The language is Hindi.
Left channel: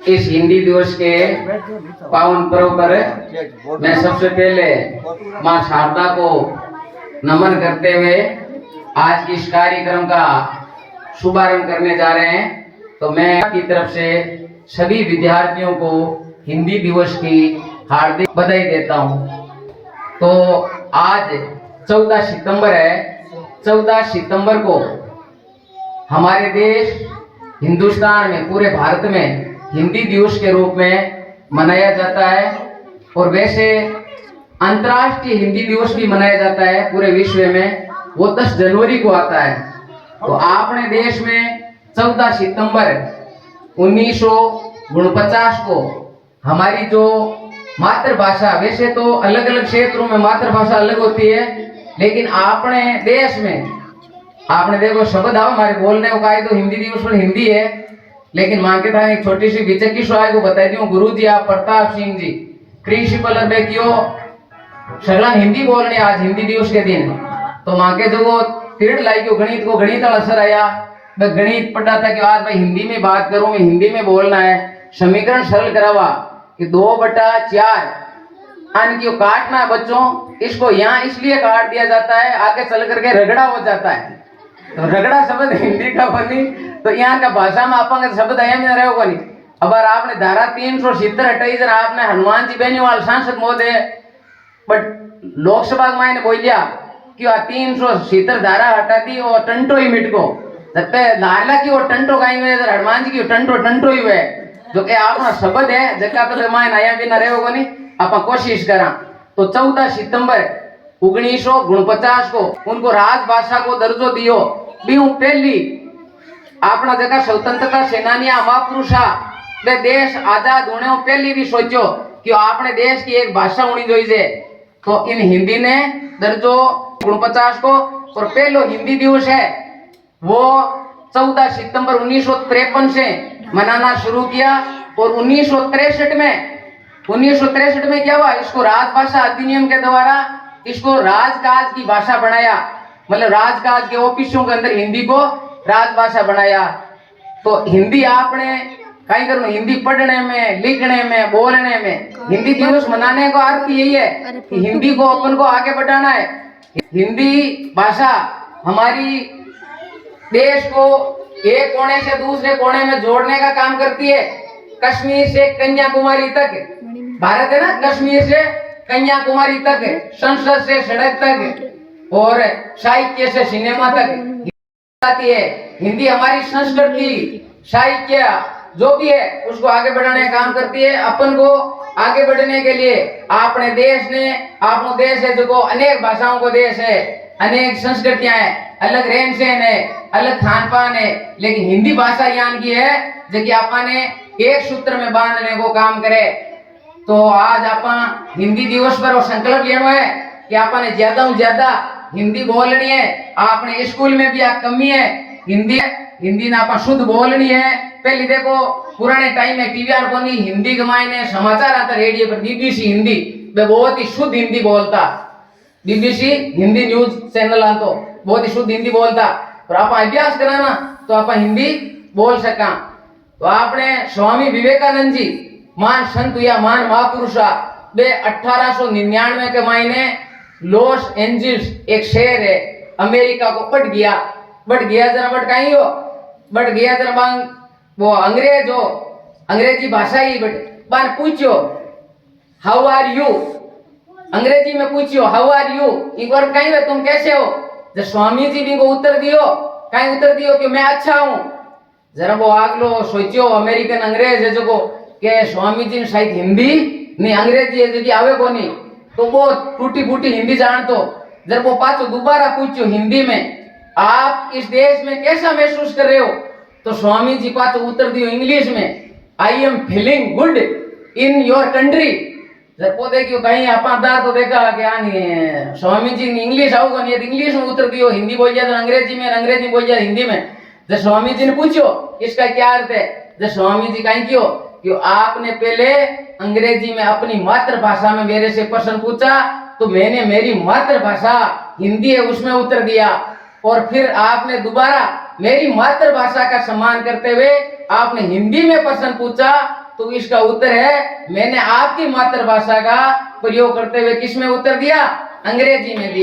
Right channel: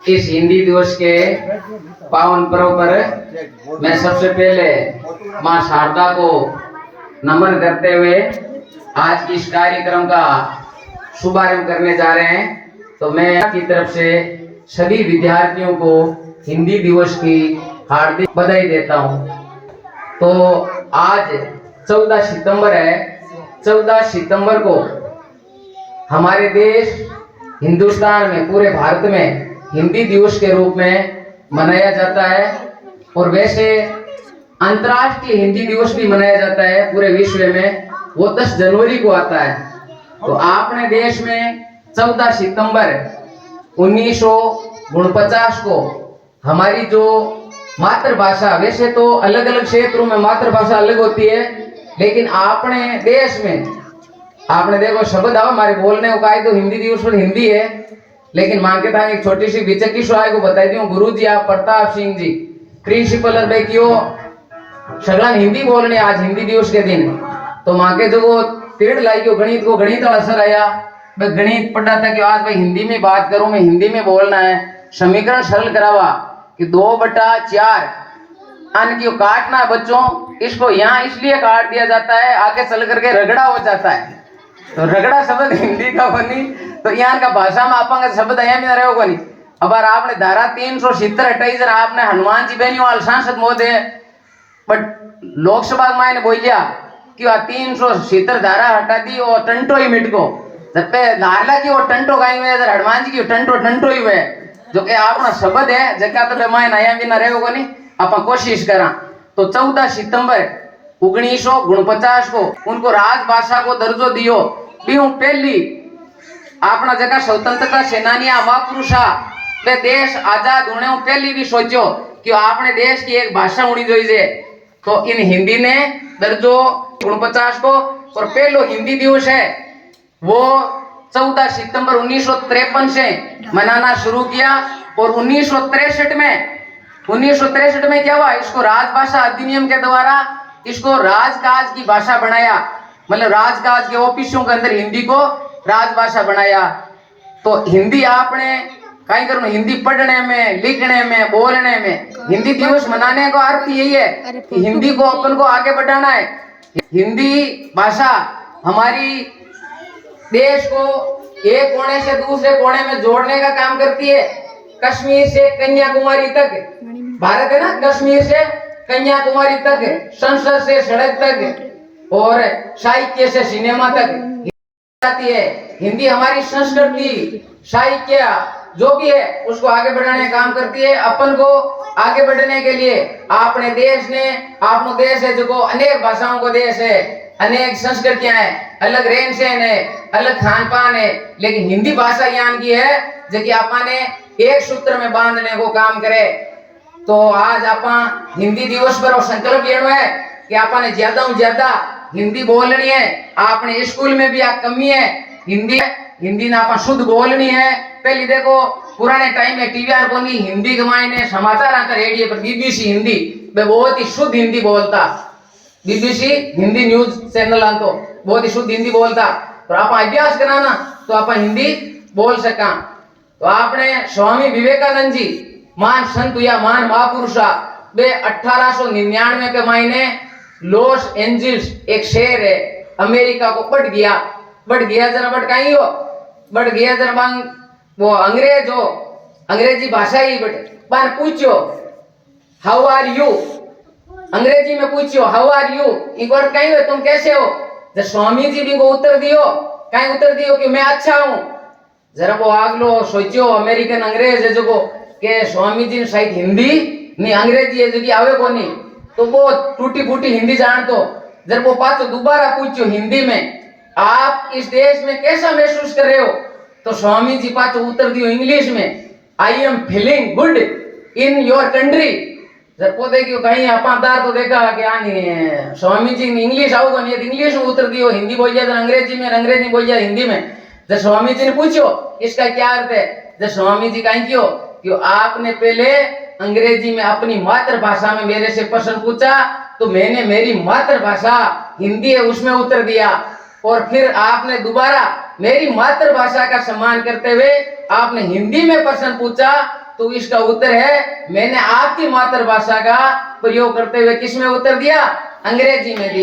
इस हिंदी दिवस के पावन पर्व पर मैं सबसे पहले मां शारदा को नमन करते हुए आज की इस कार्यक्रम का शुभारंभ करने जा रहे हैं। तो मैं की तरफ से सभी विद्यार्थियों को हिंदी दिवस की हार्दिक बधाई देता हूं। तो आज 14 सितंबर है। 14 सितंबर को हमारे देश हिंदुस्तान में, पूरे भारत में हिंदी दिवस के रूप में मनाया जाता है। और वैसे अंतर्राष्ट्रीय हिंदी दिवस भी मनाया जाता है पूरे विश्व में, वो 10 जनवरी को आता है। तो अपने देश में 14 सितंबर 1949 को हमारी जो मातृभाषा, वैसे तो अलग अलग क्षेत्रों में मातृभाषा अलग होती है, लेकिन अपने देश में आपने देखो शब्द आ हमारे बोलने को कायदो हिंदी दिवस पर हिंदी है, लेकिन मां के था एक छोटी सी बिचकी स्वाय को बताई दी गुरु जी आप प्रताप सिंह जी प्रिंसिपल में क्यों सगला हिंदी बोलने आज हिंदी दिवस के दिन। तो मां के जो वो पीरियड लाई क्यों गणित को गणित असर आया, मैं गणित पढ़ा था कि आज भाई हिंदी में बात करूं, मैं हिंदी में बोलना है। समीकरण सरल करावा कि 2/4 अन क्यों काटना बच्चों, इसको यहाँ इसलिए काट दिया जाता है आगे चल करके रगड़ा हो जाता है। तो रगड़ा शब्द हिंदी का बनी, तो यहाँ का भाषा में आपका शब्द आया नहीं रहे बनी। अब आपने धारा 370 हटाई जरा आपने हनुमान जी बेनीवाल सांसद महोदय बट लोकसभा में बोलिया कि 370 धारा हटा दी और टंटो ही मिट को जब पे लाला की वो टंटो गाई हुए हनुमान जी की टंटो ही हुए, जो कि आपना शब्द है जगह तो मैं नया भी ना रहे होगा नहीं, आप कोशिश करा। तो 14 सितंबर 1949 को उनको राजभाषा को दर्जो दियो। बीहू पहली अपना जगह स्वतंत्रता सेनानी महापुरुषा वे देश आजाद होने पहली भी सोचो कि आपने देश की एक भाषा होनी चाहिए। तो इन हिंदी ने दर्जो 49 को, और पहलो हिंदी दिवस है वो 14 सितंबर 1953 से मनाना शुरू किया। और 1963 में क्या हुआ, इसको राजभाषा अधिनियम के द्वारा इसको राजकाज की भाषा बनाया, मतलब राजकाज के ऑफिसों के अंदर हिंदी को राजभाषा बनाया। तो हिंदी आपने कहीं करो, हिंदी पढ़ने में, लिखने में, बोलने में हिंदी दिवस मनाने का अर्थ यही है कि हिंदी को अपन को आगे बढ़ाना है। हिंदी भाषा हमारी देश को एक कोने से दूसरे कोने में जोड़ने का काम करती है। कश्मीर से कन्याकुमारी तक भारत है ना, कश्मीर से कन्याकुमारी तक, संसद से सड़क तक और साहित्य से सिनेमा तक आती है। हिंदी हमारी संस्कृति, साहित्य जो भी है उसको आगे बढ़ाने का काम करती है। अपन को आगे बढ़ने के लिए अपने देश ने, अपनो देश है जो अनेक भाषाओं का देश है, अनेक संस्कृतियां हैं, अलग रहन सहन है, अलग खान पान है, लेकिन हिंदी भाषा यहाँ की है जो कि आपने एक सूत्र में बांधने को काम करे। तो आज आप हिंदी दिवस पर वो संकल्प लेना है कि आपने ज्यादा से ज्यादा हिंदी बोलनी है। आपने स्कूल में भी कमी है हिंदी ना आप शुद्ध बोलनी है। पहले देखो पुराने टाइम में टीवीआर को नहीं हिंदी के मायने समाचार आता रेडियो पर, बीबीसी हिंदी वे बहुत ही शुद्ध हिंदी बोलता, बीबीसी हिंदी न्यूज चैनल तो बहुत ही शुद्ध हिंदी बोलता। और आप अभ्यास कराना तो आप हिंदी बोल सका। तो आपने स्वामी विवेकानंद जी मान संत या मान महापुरुषा वे 1899 के महीने लॉस एंजल्स एक शहर है अमेरिका को बढ़ गया जरा बढ़ कहीं हो बढ़ गया जरा वो अंग्रेजी भाषा ही बट पूछो हाउ आर यू, अंग्रेजी में पूछियो हाउ आर यू, एक बार कहीं हो तुम कैसे हो। जब स्वामी जी भी को उत्तर दियो कि मैं अच्छा हूं। जरा वो आगलो सोचियो अमेरिकन अंग्रेज है जो के स्वामी जी शायद हिंदी नहीं अंग्रेजी है जो कि आवे को नहीं, तो वो टूटी फूटी हिंदी जान तो जब वो पाचो दोबारा पूछो हिंदी में आप इस देश में कैसा महसूस कर रहे हो, तो स्वामी जी पाचो उत्तर दियो इंग्लिश में I am feeling good in your country. जब वो देखियो कहीं अपादार तो देखा कि यानी स्वामी जी इंग्लिश आओगे नहीं, इंग्लिश में उत्तर दियो, हिंदी बोल जाए अंग्रेजी में, अंग्रेजी बोल जाए हिंदी में। जब स्वामी जी ने पूछो इसका क्या अर्थ है, जब स्वामी जी कहीं क्यों आपने पहले अंग्रेजी में अपनी मातृभाषा में मेरे से प्रश्न पूछा तो मैंने मेरी मातृभाषा हिंदी है उसमें उत्तर दिया, और फिर आपने दोबारा मेरी मातृभाषा का सम्मान करते हुए आपने हिंदी में प्रश्न पूछा तो इसका उत्तर है मैंने आपकी मातृभाषा का प्रयोग करते हुए किस में उत्तर दिया? अंग्रेजी में दिया।